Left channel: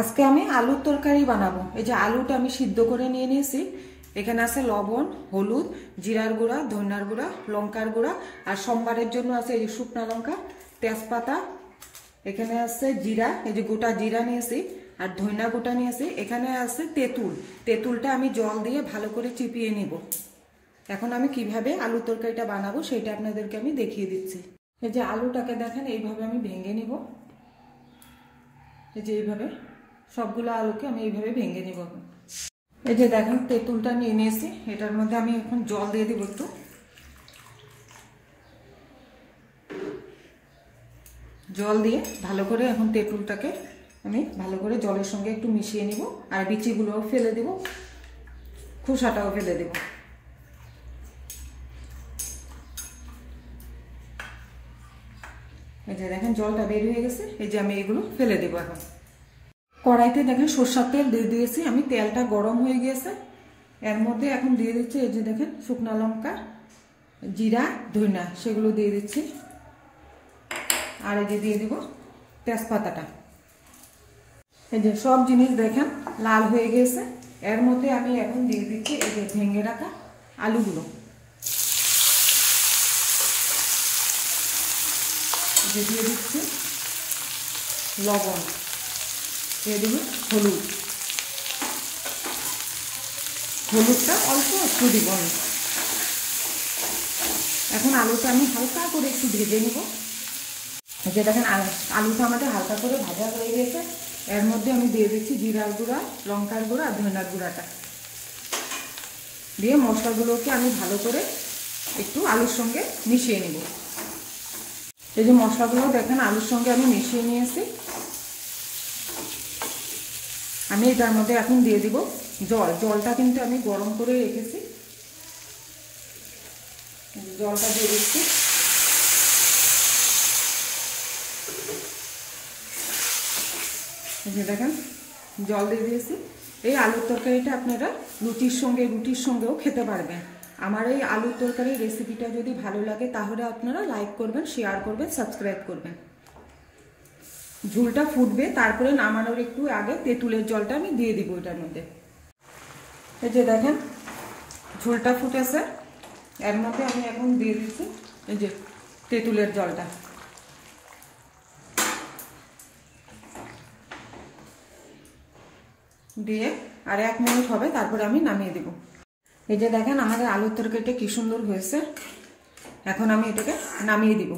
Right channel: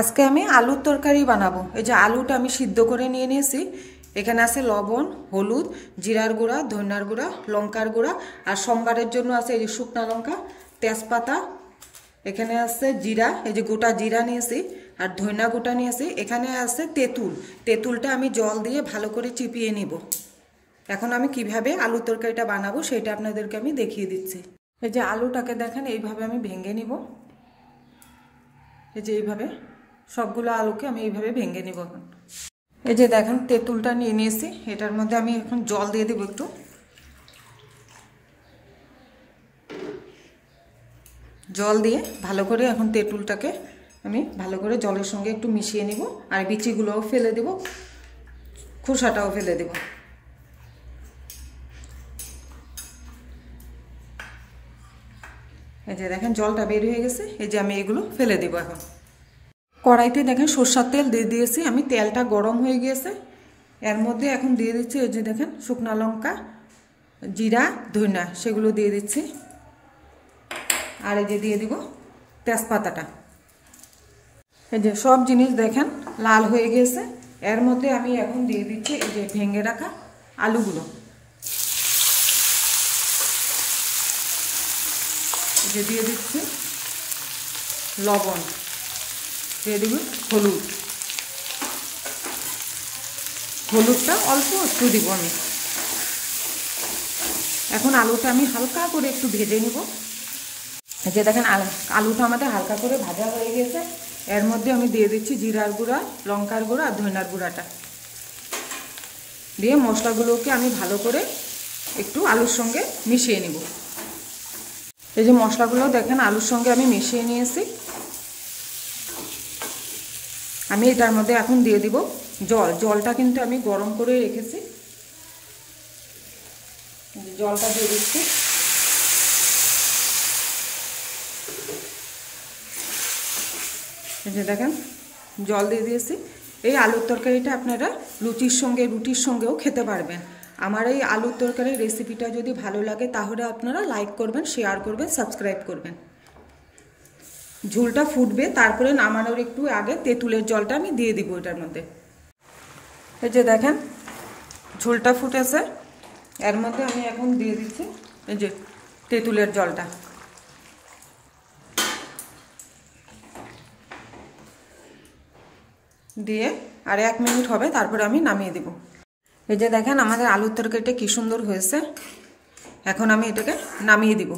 আজকে আমি আলুর তরকারি বানাবো। এই যে আলুটা আমি সিদ্ধ করে নিয়ে নিয়েছি। এখানে আছে লবণ, হলুদ, জিরার গুঁড়া, ধনিয়ার গুঁড়া, লঙ্কার গুঁড়া, আর সোমবারের জন্য আছে এই যে শুকনা লঙ্কা, তেজপাতা, এখানে আছে জিরা, এই যে গোটা জিরা নিয়েছি, আর ধনিয়া গোটা নিয়েছি। এখানে আছে তেঁতুল। তেঁতুলটা আমি জল দিয়ে ভালো করে চিপিয়ে নিব। এখন আমি কিভাবে আলুর তরকারিটা বানাবো সেটা আপনাদেরকে আমি দেখিয়ে দিচ্ছি। এই যে আলুটাকে দেখেন এইভাবে আমি ভেঙে নিব। এই যে এইভাবে সবগুলো আলুকে আমি এইভাবে ভেঙে নিব। এখন এই যে দেখেন তেঁতুলটা নিয়ে নিয়েছি। এটার মধ্যে আমি এখন জল দিয়ে দেব একটু। জল দিয়ে ভালো করে এখন তেঁতুলটাকে আমি ভালো করে জলের সঙ্গে একটু মিশিয়ে নেব। আর বিচিগুলোও ফেলে দেব, খোসাটাও ফেলে দেব। এই যে দেখেন জলটা বের হয়ে গেছে। এই যে আমি এগুলো ফেলে দেব। এখন কড়াইতে দেখেন সরষের তেল দিয়ে দিয়েছি আমি। তেলটা গরম হয়ে গিয়েছে। এর মধ্যে এখন দিয়ে দিচ্ছি এই যে দেখেন শুকনা লঙ্কা, জিরা, ধনিয়া, সেগুলো দিয়ে দিচ্ছি। আর এই যে দিয়ে দিব তেজপাতাটা। এই যে সব জিনিস দেখেন লাল হয়ে গেছে। এর মধ্যে আমি এখন দিয়ে দিচ্ছি এই যে ভেঙে রাখা আলুগুলো। এই যে দিয়ে দিচ্ছি লবণ, দিয়ে দিব হলুদ। হলুদটা অল্প একটু দিব আমি। এখন আলুটা আমি হালকা করে একটু ভেজে নিব। যে দেখেন আলুটা আমাদের হালকা করে ভাজা হয়ে গেছে। এর মধ্যে আমি দিয়ে দিচ্ছি জিরার গুঁড়া, লঙ্কার গুঁড়া আর ধনিয়ার গুঁড়াটা দিয়ে মশলাগুলোকে আমি ভালো করে একটু আলুর সঙ্গে মিশিয়ে নিব। এই যে মশলাগুলো দেখেন আলুর সঙ্গে আমি মিশিয়ে নিয়েছি। আমি এটার মধ্যে এখন দিয়ে দিব জল। জলটা কিন্তু আমি গরম করে রেখেছি। জলটা দিয়ে দিচ্ছি। এই যে দেখেন জল দিয়ে দিয়েছি। এই আলুর তরকারিটা আপনারা রুটির সঙ্গেও খেতে পারবেন। আমার এই আলুর তরকারির রেসিপিটা যদি ভালো লাগে তাহলে আপনারা লাইক করবেন, শেয়ার করবেন, সাবস্ক্রাইব করবেন। ঝোলটা ফুটবে, তারপরে নামানোর একটু আগে তেঁতুলের জলটা আমি দিয়ে দিব এটার মধ্যে। এই যে দেখেন ঝোলটা ফুটেছে। এর মধ্যে আমি এখন দিয়ে দিচ্ছি এই যে তেঁতুলের জলটা। দিয়ে আর 1 মিনিট হবে, তারপরে আমি নামিয়ে দেব। এই যে দেখেন আমাদের আলুর তরকারিটা কি সুন্দর হয়েছে। এখন আমি এটাকে নামিয়ে দিব।